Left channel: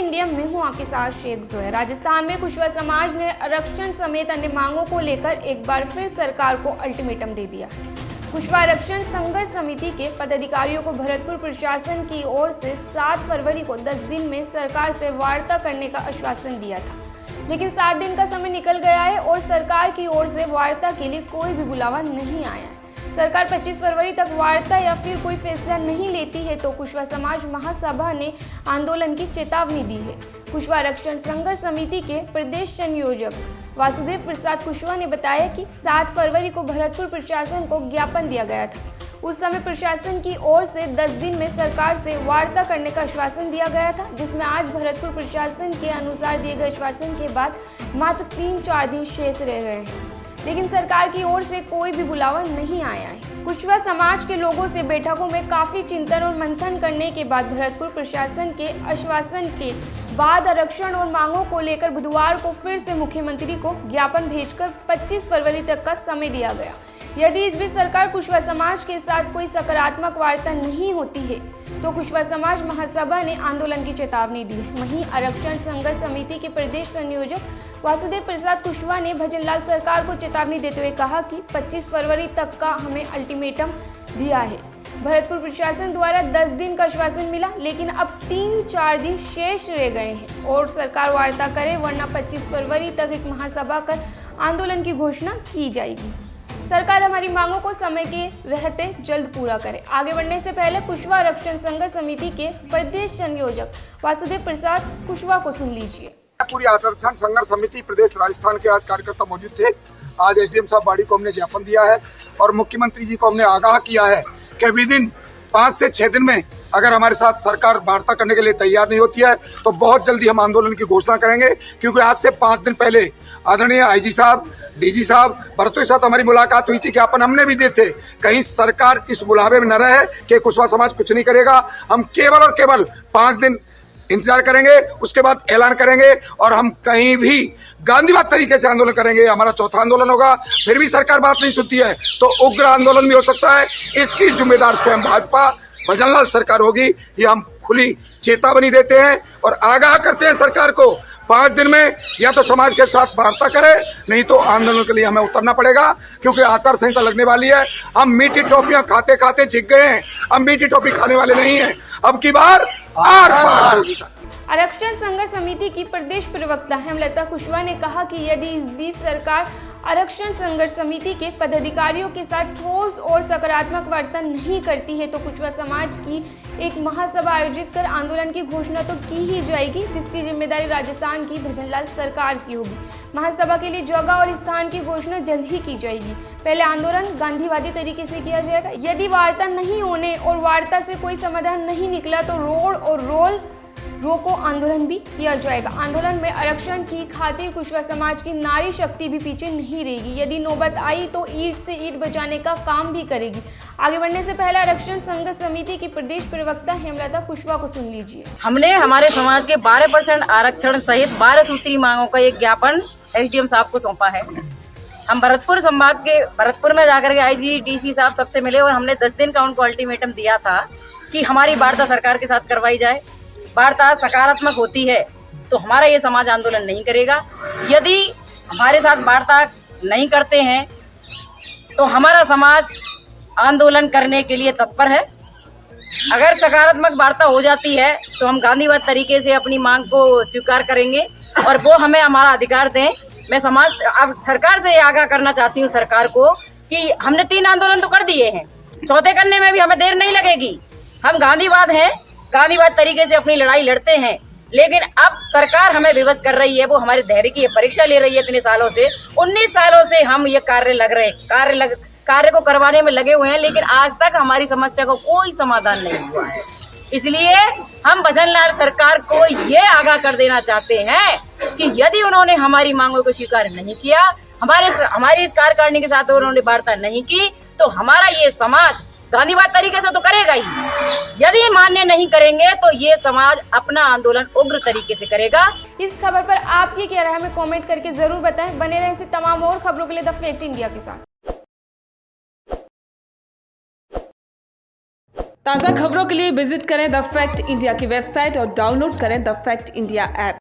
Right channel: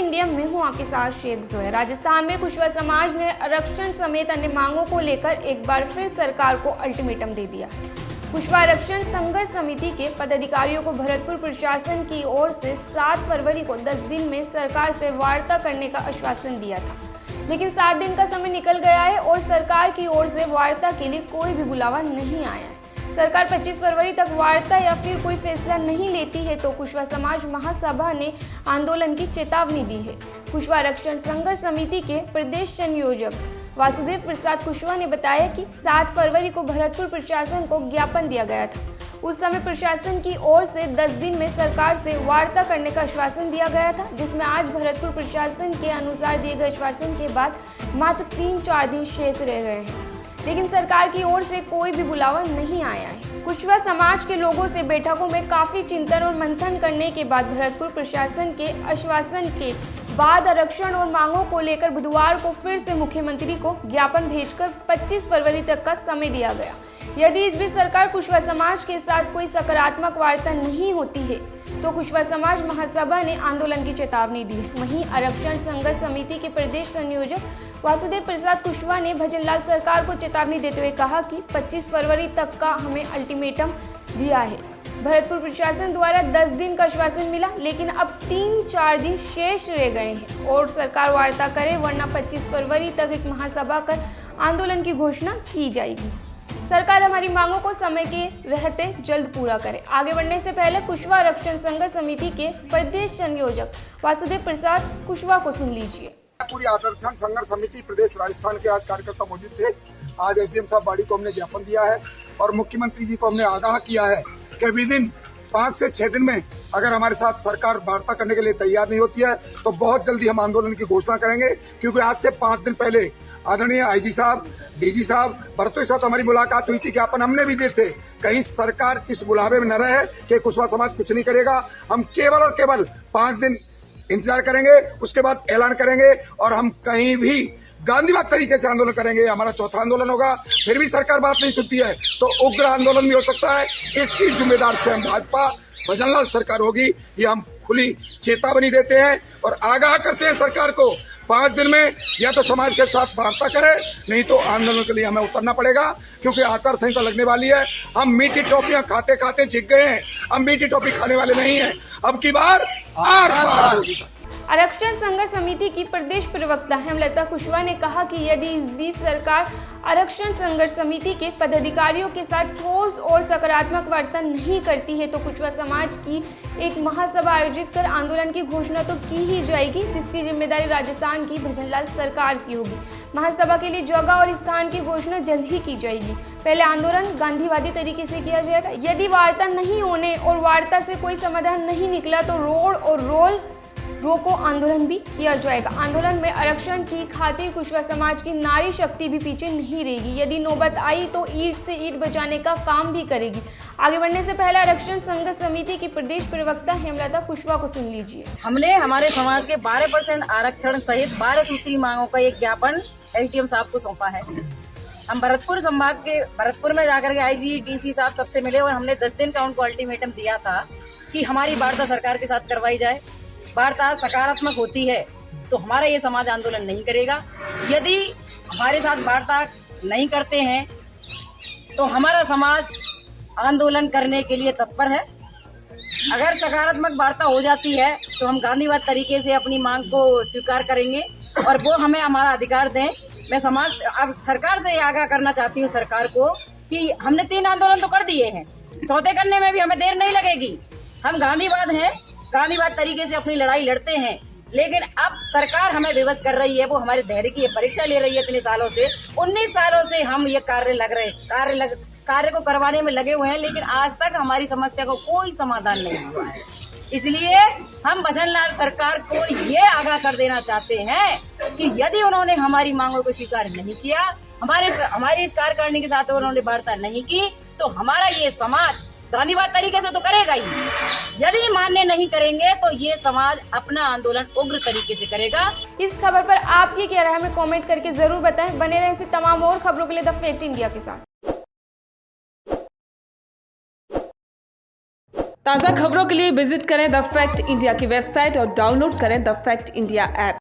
India में हूं आपके साथ शेख जोया। राजस्थान में कुशवा समाज ने आरक्षण समेत अन्य मांगों को लेकर एक बार फिर सरकार को अल्टीमेटम दे दिया है। कुशवा आरक्षण संघर्ष समिति के पदाधिकारियों को भरतपुर प्रशासन की ओर से 7 फरवरी को 10 दिन में सरकार से वार्ता करने का आश्वासन दिया था, लेकिन 7 दिन का समय निकल गया है और सरकार की ओर से वार्ता के लिए कोई भी बुलावा नहीं आया है। सरकार 25 फरवरी तक वार्ता या फिर कोई फैसला नहीं लेती है तो कुशवा समाज महासभा ने आंदोलन की चेतावनी दी है। कुशवा आरक्षण संघर्ष समिति के प्रदेश संयोजक वासुदेव प्रसाद कुशवा ने बताया कि 7 फरवरी को भरतपुर प्रशासन को ज्ञापन दिया गया था। उस समय प्रशासन की ओर से 10 दिन में सरकार से वार्ता करने का आश्वासन दिया गया था, जिसमें आज भरतपुर प्रशासन के अनुसार दिए गए आश्वासन के बाद मात्र 3-4 दिन शेष रह गए हैं, लेकिन सरकार की ओर से कोई भी बुलावा नहीं आया है। कुशवा समाज के लोगों से बैठकों में काफी चिंतन और मंथन करने के बाद भरतपुर प्रशासन के आश्वासन के बाद आरक्षण और मांगों को लेकर बुधवार को फिर से मुख्यमंत्री को ज्ञापन भेजकर 25 फरवरी तक का समय दिया गया। यदि इस बीच सरकार कुशवा समाज के साथ कोई सकारात्मक वार्ता नहीं होती है तो कुशवा समाज महासभा ने आंदोलन की चेतावनी दी है। वहीं आरक्षण संघर्ष समिति के प्रदेश संयोजक वासुदेव प्रसाद कुशवा ने भजनलाल सरकार को चेतावनी देते हुए कहा कि 25 फरवरी तक का हमें अल्टीमेटम दिया है। भरतपुर प्रशासन द्वारा 10 दिन का आश्वासन मिला, लेकिन अब 3-4 दिन शेष रह गए हैं और सरकार वार्ता करे, वरना 25 फरवरी तक एक महासभा कर आंदोलन की घोषणा की जाएगी। सरकार हमारी मांगों को समय के रहते जल्द पूरा करे। आगे बढ़ने से पहले कुशवा आरक्षण संघर्ष समिति के प्रदेश संयोजक वासुदेव प्रसाद कुशवा को सुन लीजिए। पूरी आरक्षण संघर्ष समिति प्रदेश राजस्थान के आज कार्यकर्ता मौजूद थे। आज एसडीएम साहब बाड़ी को हमने ज्ञापन दिया है और मुख्यमंत्री जी को हमने आगाह किया है कि विदिन 5 से 6 दिन में अगर हमारे साथ सरकार वार्ता करने के लिए तैयार नहीं होती है तो बहुत जल्दी हम आंदोलन की घोषणा करेंगे, क्योंकि आज से 5 दिन पहले आदरणीय आईजी साहब, डीजी साहब, भरतपुर के साथ हमारी मुलाकात हुई थी। ज्ञापन हमने भी दिए थे, कहीं सरकार इस बुलावे में न रहे कि कुशवा समाज कुछ नहीं करेगा। हम केवल और केवल 5 दिन इंतजार करेंगे, उसके बाद ऐलान करेंगे और हम कहीं भी गांधीवाद तरीके से आंदोलन करेंगे। हमारा चौथा आंदोलन होगा। फिर भी सरकार बात नहीं सुनती है तो उग्र आंदोलन भी हो सकता है। इसकी जिम्मेदार स्वयं भाजपा भजनलाल सरकार होगी। ये हम खुली चेतावनी देते हैं और आगाह करते हैं सरकार को 5 दिन में या तो समाज के साथ वार्ता करे, नहीं तो आंदोलन के लिए हमें उतरना पड़ेगा, क्योंकि आचार संहिता लगने वाली है। हम मीठी टॉफियां खाते खाते जीत गए हैं, हम मीठी टॉफी खाने वाले नहीं हैं। अब की बार आरक्षण संघर्ष समिति की प्रदेश प्रवक्ता हेमलता कुशवा ने कहा कि यदि इस बीच सरकार आरक्षण संघर्ष समिति के पदाधिकारियों के साथ ठोस और सकारात्मक वार्ता नहीं करती है तो कुशवा समाज की एक महासभा आयोजित कर आंदोलन की घोषणा तो की ही जाएगी, जिसकी जिम्मेदारी राजस्थान की भजनलाल सरकार की होगी। महासभा के लिए जगह और स्थान की घोषणा जल्द ही की जाएगी। पहले आंदोलन गांधीवादी तरीके से किया जाएगा। यदि वार्ता नहीं होने और वार्ता से कोई समाधान नहीं निकला तो रोड और रोल रोको आंदोलन भी किया जाएगा। आंदोलन में आरक्षण की खातिर कुशवा समाज की नारी शक्ति भी पीछे नहीं रहेगी। यदि नौबत आई तो ईंट से ईंट बचाने का काम भी करेगी। आगे बढ़ने से पहले आरक्षण संघर्ष समिति की प्रदेश प्रवक्ता हेमलता कुशवा को सुन लीजिए। हमने हमारे समाज के 12% आरक्षण सहित 12 सूत्री मांगों का एक ज्ञापन एसडीएम साहब को सौंपा है। हम भरतपुर में जाकर के आईजी डीसी साहब सबसे मिले और हमने 10 दिन का उनको अल्टीमेटम दिया था कि हमारी वार्ता सरकार के साथ करवाई जाए। वार्ता सकारात्मक होती है तो हमारा ये समाज आंदोलन नहीं करेगा। यदि हमारे साथ वार्ता नहीं करते हैं तो हमारा समाज आंदोलन करने के लिए तत्पर है। अगर सकारात्मक वार्ता हो जाती है तो हम गांधीवाद तरीके से अपनी मांग को स्वीकार करेंगे और वो हमें हमारा अधिकार दें। मैं अब सरकार से ये आगाह करना चाहती हूँ सरकार को कि हमने 3 आंदोलन तो कर दिए हैं, चौथे करने में भी हमें देर नहीं लगेगी। हम गांधीवाद हैं, गांधीवाद तरीके से अपनी लड़ाई लड़ते हैं, लेकिन अब सरकार हमें विवश कर रही है। वो हमारे धैर्य की परीक्षा ले रही है। इतने सालों से 19 सालों से हम ये कार्य को करवाने में लगे हुए हैं, लेकिन आज तक हमारी समस्या को कोई समाधान नहीं हुआ है। इसलिए हम भजनलाल सरकार को ये आगाह कर देना चाहते हैं कि यदि उन्होंने हमारी मांगों को स्वीकार नहीं किया, हमारी इस कार्यकारिणी के साथ उन्होंने वार्ता नहीं की, तो हमारा ये समाज गांधीवाद तरीके से तो करेगा ही। यदि मान्य नहीं करेंगे तो ये समाज अपना आंदोलन उग्र तरीके से करेगा। इस खबर पर आपकी क्या राय है हमें कमेंट करके जरूर बताएं। बने रहें ऐसी तमाम और खबरों के लिए द फैक्ट इंडिया के साथ। ताज़ा खबरों के लिए विजिट करें द फैक्ट इंडिया की वेबसाइट और डाउनलोड करें द फैक्ट इंडिया ऐप।